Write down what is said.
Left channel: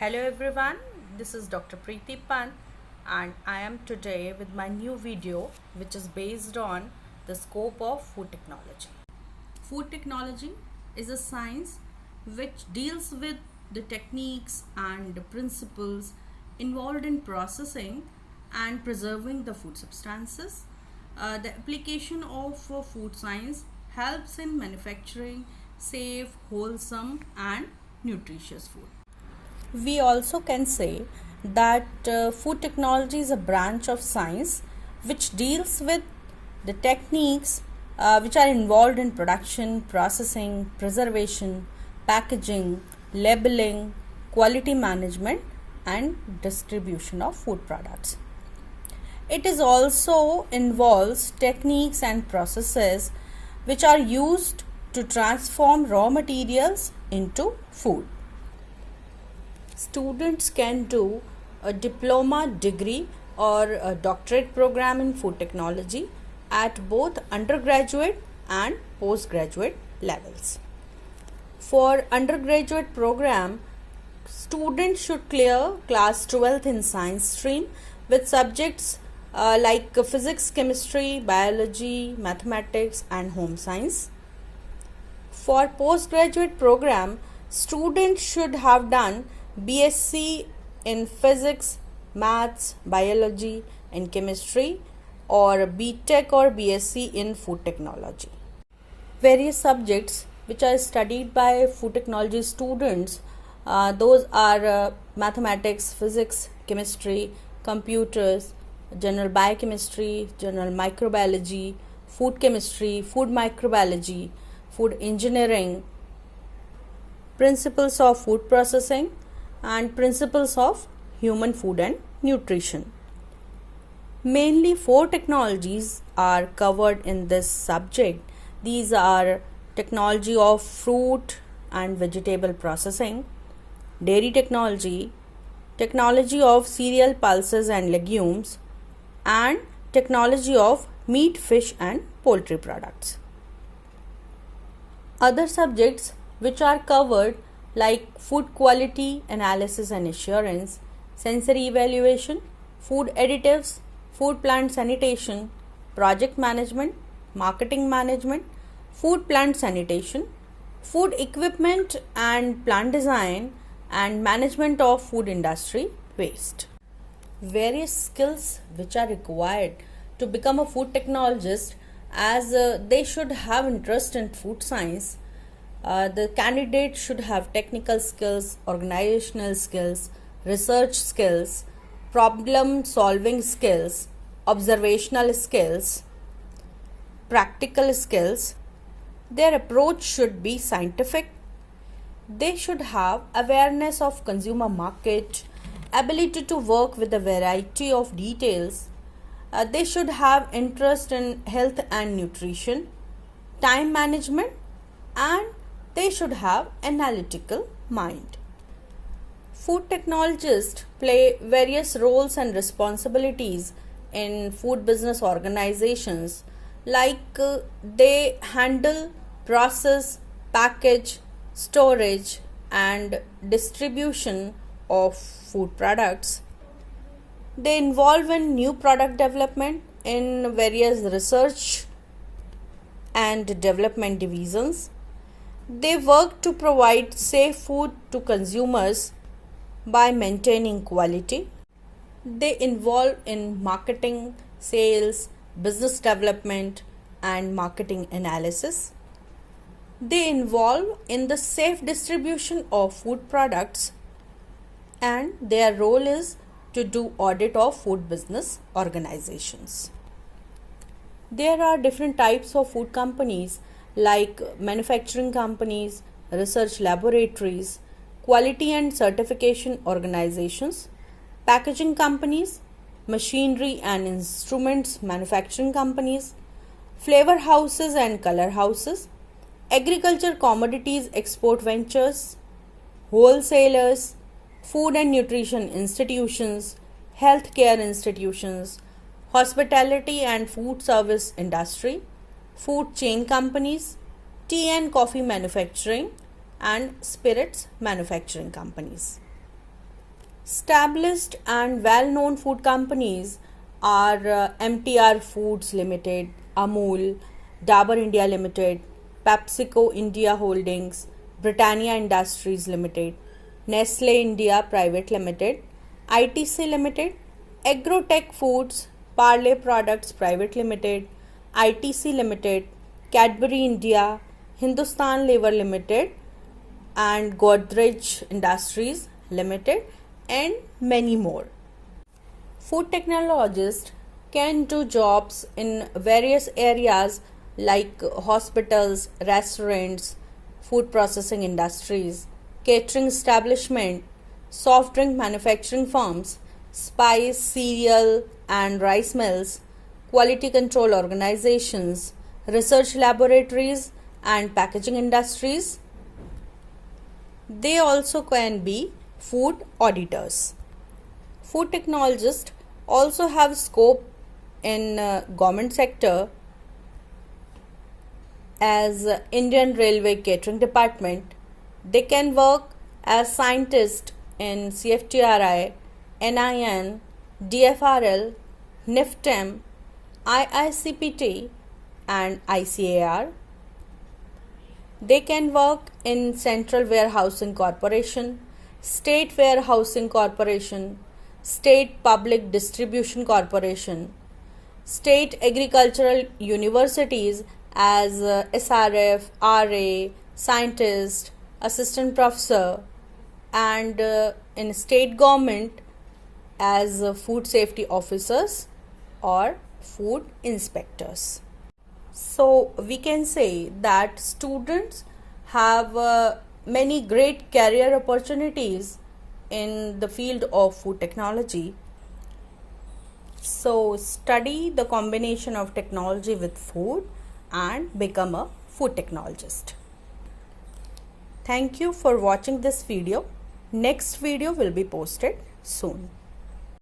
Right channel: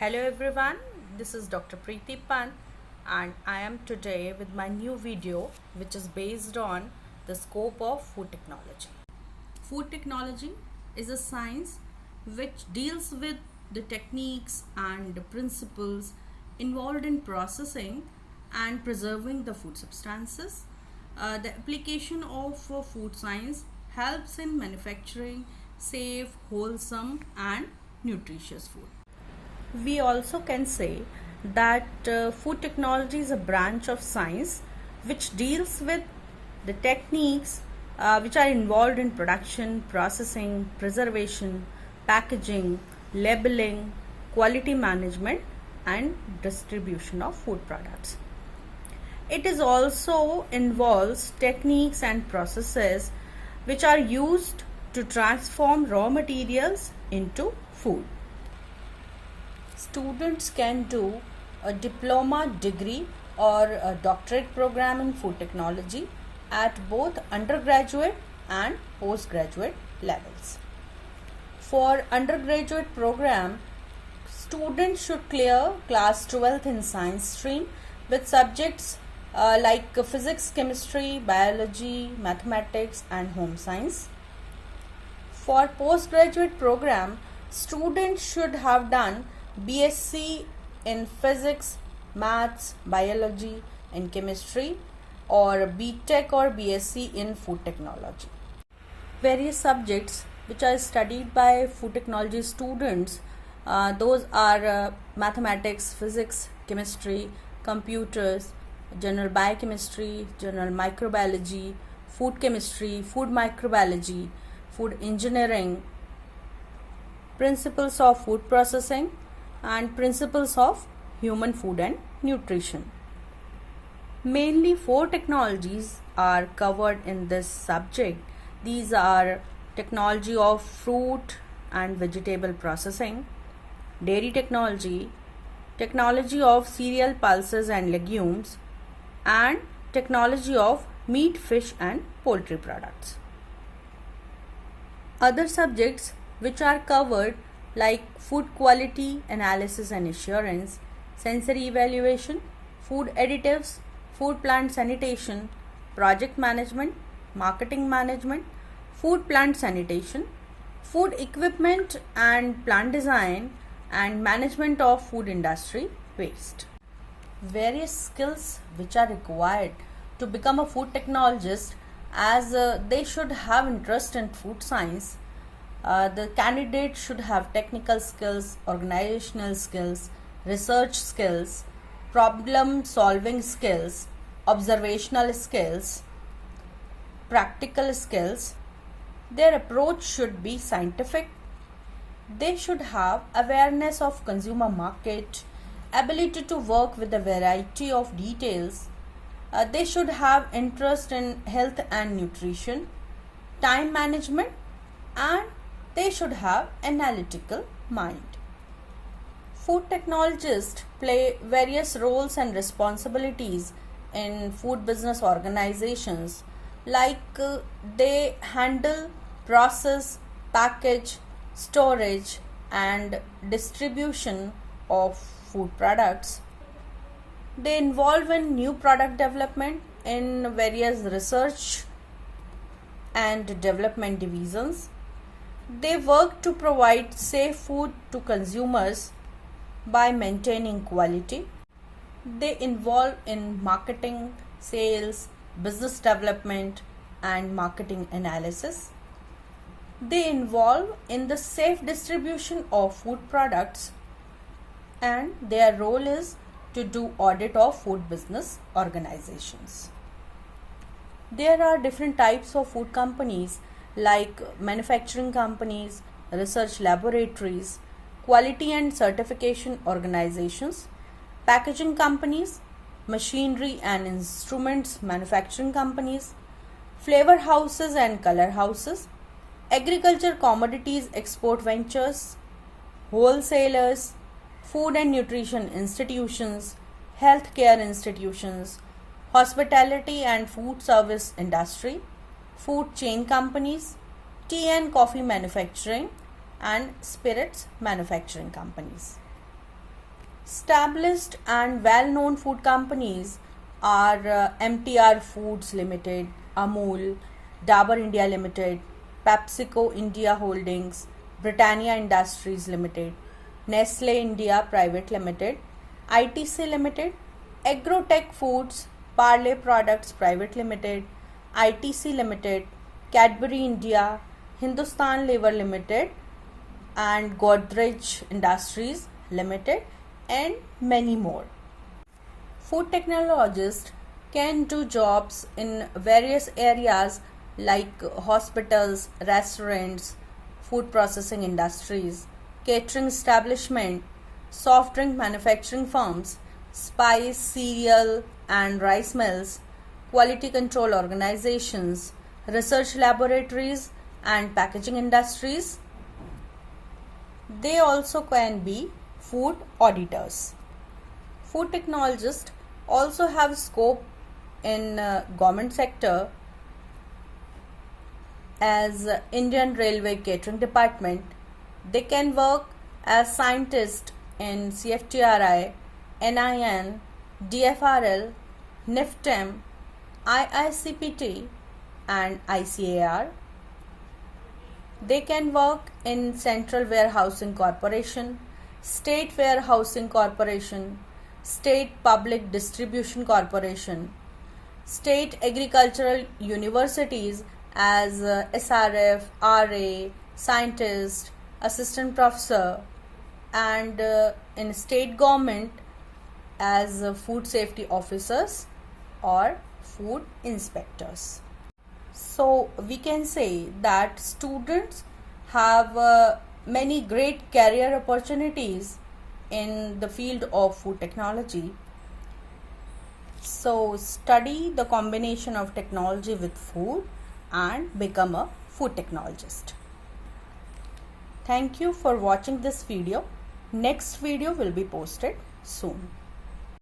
Hello everyone, this is Dr. Preeti Pant and I am today with my new video which is based on the scope of food technology. Food technology is a science which deals with the techniques and the principles involved in processing and preserving the food substances. The application of food science helps in manufacturing safe, wholesome and nutritious food. We also can say that food technology is a branch of science which deals with the techniques which are involved in production, processing, preservation, packaging, labeling, quality management and distribution of food products. It is also involves techniques and processes which are used to transform raw materials into food. Students can do a diploma degree or a doctorate program in food technology at both undergraduate and postgraduate levels. For undergraduate program, students should clear class 12th in science stream with subjects like physics, chemistry, biology, mathematics and home science. For postgraduate program, students should have done BSc in physics, maths, biology and chemistry or BTech or BSc in food technology. Various subjects which are studied by food technology students, those are mathematics, physics, chemistry, computers, general biochemistry, general microbiology, food chemistry, food microbiology, food engineering, principles of food processing and principles of human food and nutrition. Mainly 4 technologies are covered in this subject. These are technology of fruit and vegetable processing, dairy technology, technology of cereal, pulses and legumes, and technology of meat, fish and poultry products. Other subjects which are covered like food quality analysis and assurance, sensory evaluation, food additives, food plant sanitation, project management, marketing management, food plant sanitation, food equipment and plant design, and management of food industry waste. Various skills which are required to become a food technologist, as they should have interest in food science. The candidate should have technical skills, organizational skills, research skills, problem solving skills, observational skills, practical skills. Their approach should be scientific. They should have awareness of consumer market, ability to work with a variety of details. They should have interest in health and nutrition, time management, and they should have analytical mind. Food technologists play various roles and responsibilities in food business organizations, like they handle, process, package, storage and distribution of food products. They involve in new product development in various research and development divisions. They work to provide safe food to consumers by maintaining quality. They involve in marketing, sales, business development and marketing analysis. They involve in the safe distribution of food products, and their role is to do audit of food business organizations. There are different types of food companies like manufacturing companies, research laboratories, quality and certification organizations, packaging companies, machinery and instruments manufacturing companies, flavor houses and color houses, agriculture commodities export ventures, wholesalers, food and nutrition institutions, healthcare institutions, hospitality and food service industry, food chain companies, tea and coffee manufacturing, and spirits manufacturing companies. Established and well-known food companies are MTR Foods Limited, Amul, Dabur India Limited, PepsiCo India Holdings, Britannia Industries Limited, Nestle India Private Limited, ITC Limited, Agrotech Foods, Parle Products Private Limited, ITC Limited, Cadbury India, Hindustan Lever Limited, and Godrej Industries Limited, and many more. Food technologists can do jobs in various areas like hospitals, restaurants, food processing industries, catering establishment, soft drink manufacturing firms, spice, cereal and rice mills, quality control organizations, research laboratories and packaging industries. They also can be food auditors. Food technologists also have scope in government sector as Indian Railway Catering Department. They can work as scientists in CFTRI, NIN, DFRL, NIFTEM, IICPT and ICAR. They can work in Central Warehousing Corporation, State Warehousing Corporation, State Public Distribution Corporation, State Agricultural Universities as SRF, RA, scientist, assistant professor, and in state government as food safety officers or food inspectors. So we can say that students have many great career opportunities in the field of food technology. So study the combination of technology with food and become a food technologist. Thank you for watching this video. Next video will be posted soon.